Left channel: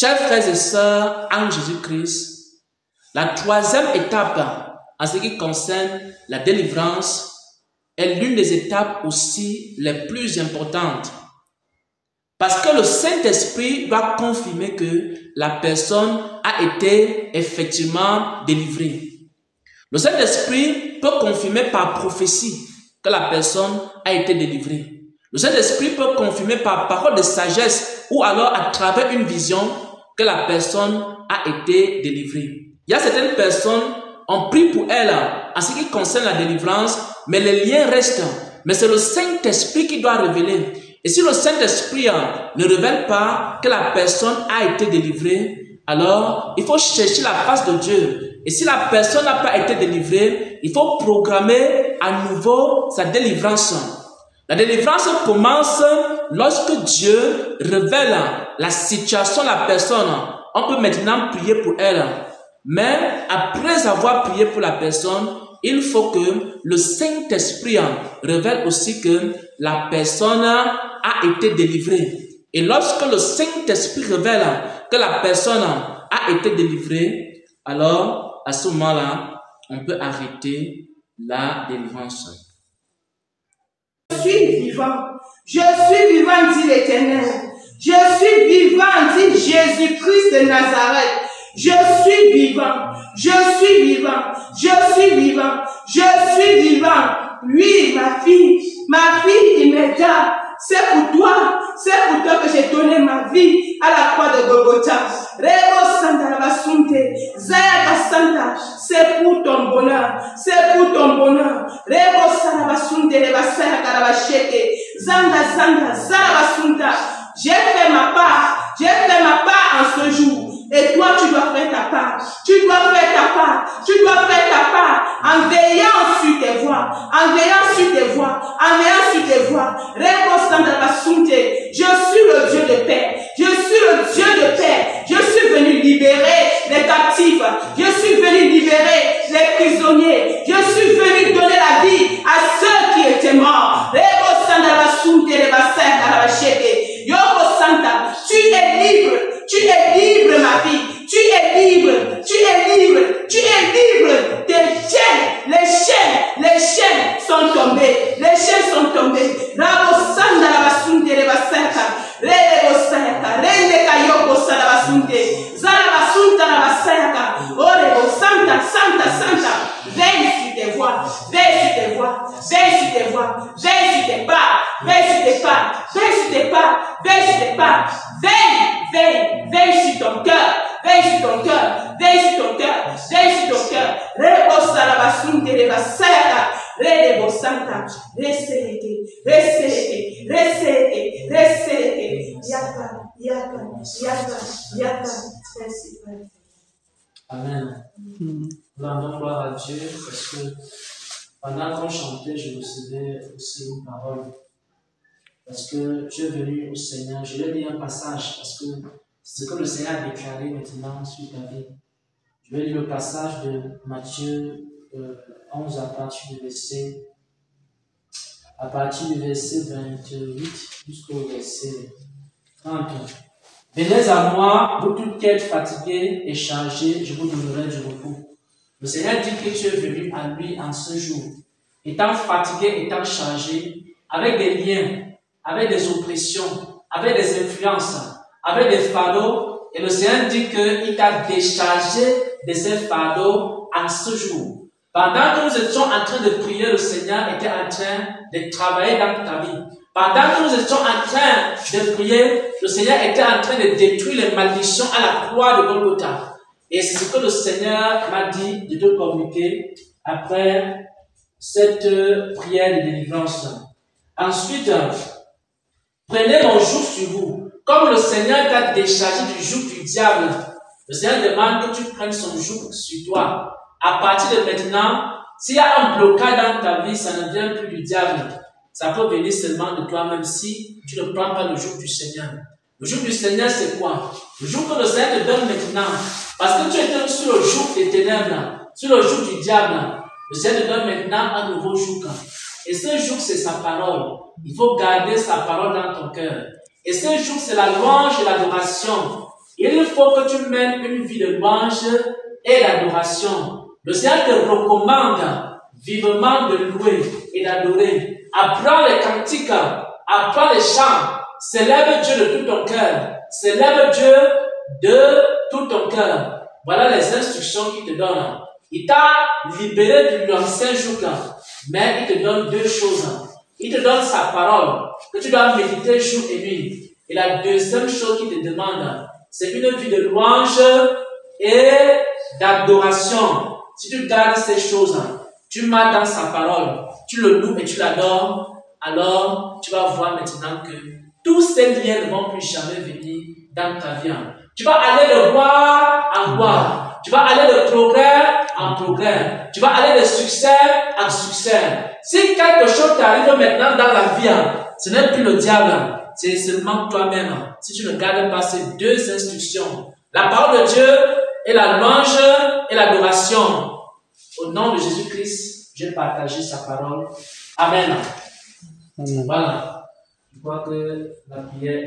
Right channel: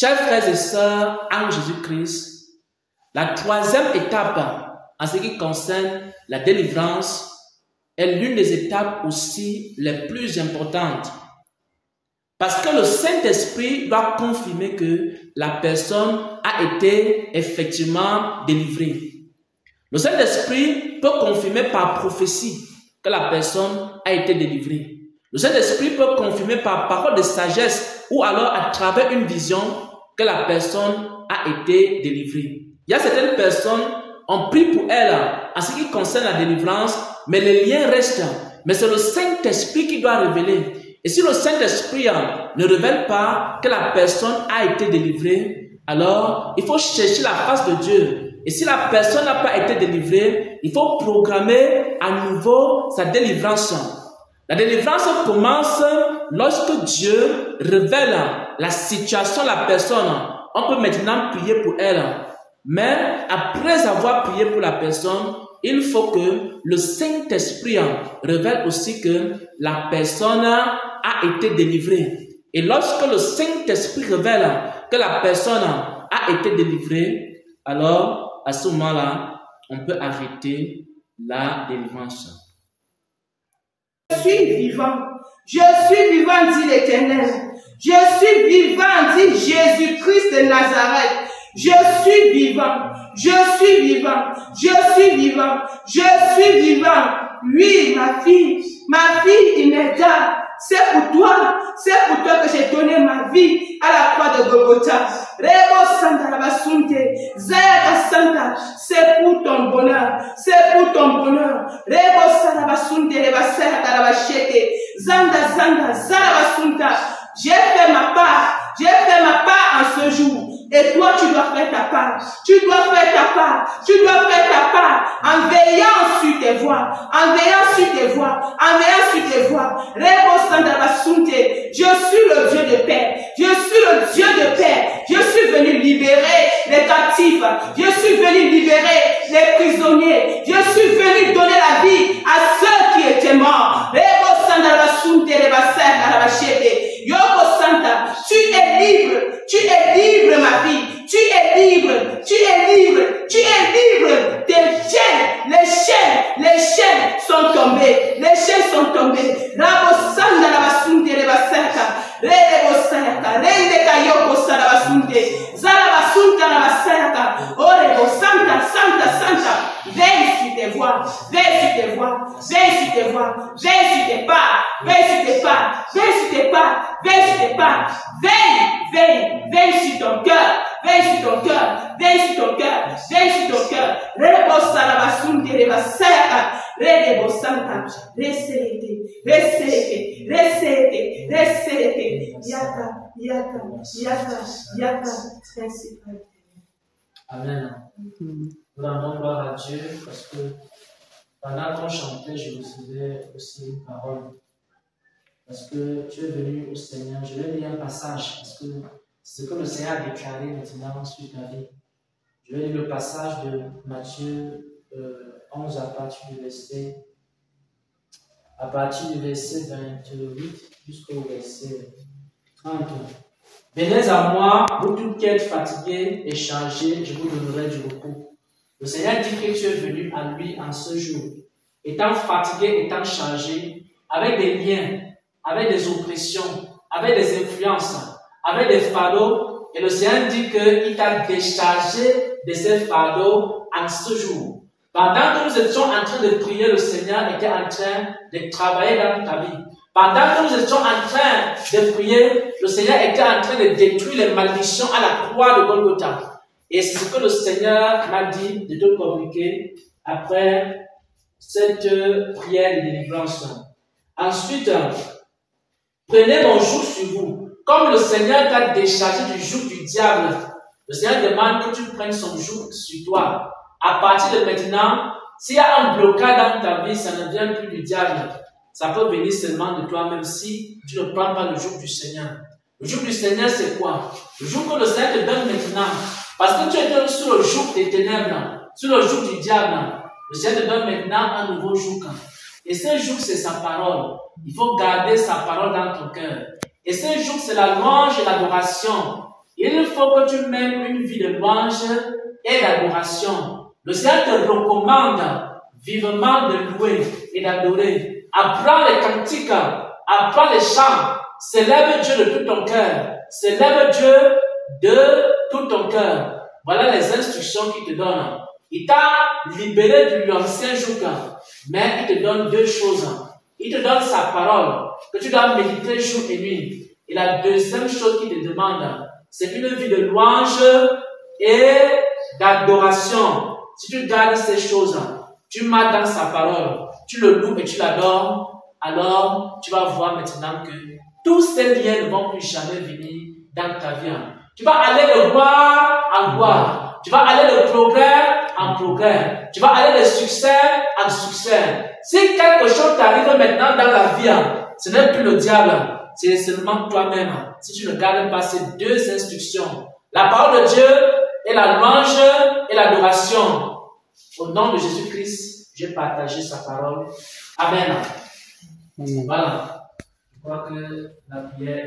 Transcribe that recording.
Chers frères et sœurs en Jésus-Christ, la troisième étape en ce qui concerne la délivrance est l'une des étapes aussi les plus importantes. Parce que le Saint-Esprit doit confirmer que la personne a été effectivement délivrée. Le Saint-Esprit peut confirmer par prophétie que la personne a été délivrée. Le Saint-Esprit peut confirmer par parole de sagesse ou alors à travers une vision que la personne a été délivrée. Il y a certaines personnes, on prie pour elles en ce qui concerne la délivrance, mais les liens restent. Mais c'est le Saint-Esprit qui doit révéler. Et si le Saint-Esprit ne révèle pas que la personne a été délivrée, alors il faut chercher la face de Dieu. Et si la personne n'a pas été délivrée, il faut programmer à nouveau sa délivrance. La délivrance commence lorsque Dieu révèle la situation de la personne. On peut maintenant prier pour elle. Mais après avoir prié pour la personne, il faut que le Saint-Esprit révèle aussi que la personne a été délivrée. Et lorsque le Saint-Esprit révèle que la personne a été délivrée, alors à ce moment-là, on peut arrêter la délivrance. Je suis vivant, dit l'Éternel. Je suis vivant, dit Jésus-Christ de Nazareth. Je suis vivant, je suis vivant, je suis vivant, je suis vivant. Oui, ma fille, Imelda, c'est pour toi que j'ai donné ma vie à la croix de Golgotha. Rebo Santa Rabasunte, Zayaka Santa, c'est pour ton bonheur, c'est pour ton bonheur. Rebo Sarabasunte, Rebasaya Karabashete, Zanda, Zarabasunta. J'ai fait ma part en ce jour. Et toi, tu dois faire ta part. Tu dois faire ta part en veillant sur tes voies. Je suis le Dieu de paix. Je suis venu libérer les captifs. Je suis venu libérer les prisonniers. Je suis venu donner la vie à ceux qui étaient morts. Tu es libre, ma vie. Tu es libre. Les chaînes sont tombées. Rabo Sanda la basunte de basaka. Rebo Saka. Rende kayoko sala basunte. Zala basunta la basaka. Orebo Santa. Veille sur tes voies. Veille sur ton cœur. Rebo sala basunte de basaka. Rebo Santa. Resete. Yaka. Merci, Père. Amen. Nous rendons gloire à Dieu parce que pendant qu'on chantait, je recevais aussi une parole. Parce que je suis venu au Seigneur, je vais lire un passage parce que c'est ce que le Seigneur a déclaré maintenant sur ta vie. Je vais lire le passage de Matthieu 11 à partir du verset 28 jusqu'au verset 30. Venez à moi, vous tous qui êtes fatigués et chargés, je vous donnerai du repos. Le Seigneur dit que tu es venu à lui en ce jour, étant fatigué, étant chargé, avec des liens, avec des oppressions, avec des influences, avec des fardeaux. Et le Seigneur dit qu'il t'a déchargé de ces fardeaux en ce jour. Pendant que nous étions en train de prier, le Seigneur était en train de travailler dans ta vie. Pendant que nous étions en train de prier, le Seigneur était en train de détruire les malédictions à la croix de Golgotha. Et c'est ce que le Seigneur m'a dit de te communiquer après cette prière de délivrance. Ensuite, prenez mon joug sur vous. Comme le Seigneur t'a déchargé du joug du diable, le Seigneur demande que tu prennes son joug sur toi. À partir de maintenant, s'il y a un blocage dans ta vie, ça ne vient plus du diable. Ça peut venir seulement de toi-même si tu ne prends pas le joug du Seigneur. Le joug du Seigneur, c'est quoi? Le joug que le Seigneur te donne maintenant. Parce que tu étais sur le joug des ténèbres, sur le joug du diable. Le Seigneur te donne maintenant un nouveau joug. Et ce joug, c'est sa parole. Il faut garder sa parole dans ton cœur. Et ce joug, c'est la louange et l'adoration. Il faut que tu mènes une vie de louange et d'adoration. Le Seigneur te recommande vivement de louer et d'adorer. Apprends les cantiques, apprends les chants. Célèbre Dieu de tout ton cœur. Célèbre Dieu de tout ton cœur. Voilà les instructions qu'il te donne. Il t'a libéré de l'ancien joug, mais il te donne deux choses. Il te donne sa parole, que tu dois méditer jour et nuit. Et la deuxième chose qu'il te demande, c'est une vie de louange et d'adoration. Si tu gardes ces choses, tu marches dans sa parole, tu le loues et tu l'adores, alors tu vas voir maintenant que tous ces liens ne vont plus jamais venir dans ta vie. Tu vas aller de gloire en gloire. Tu vas aller de progrès en progrès. Tu vas aller de succès en succès. Si quelque chose t'arrive maintenant dans la vie, ce n'est plus le diable, c'est seulement toi-même. Si tu ne gardes pas ces deux instructions, la parole de Dieu et la louange et l'adoration. Au nom de Jésus-Christ, j'ai partagé sa parole. Amen. Voilà. Je crois que la prière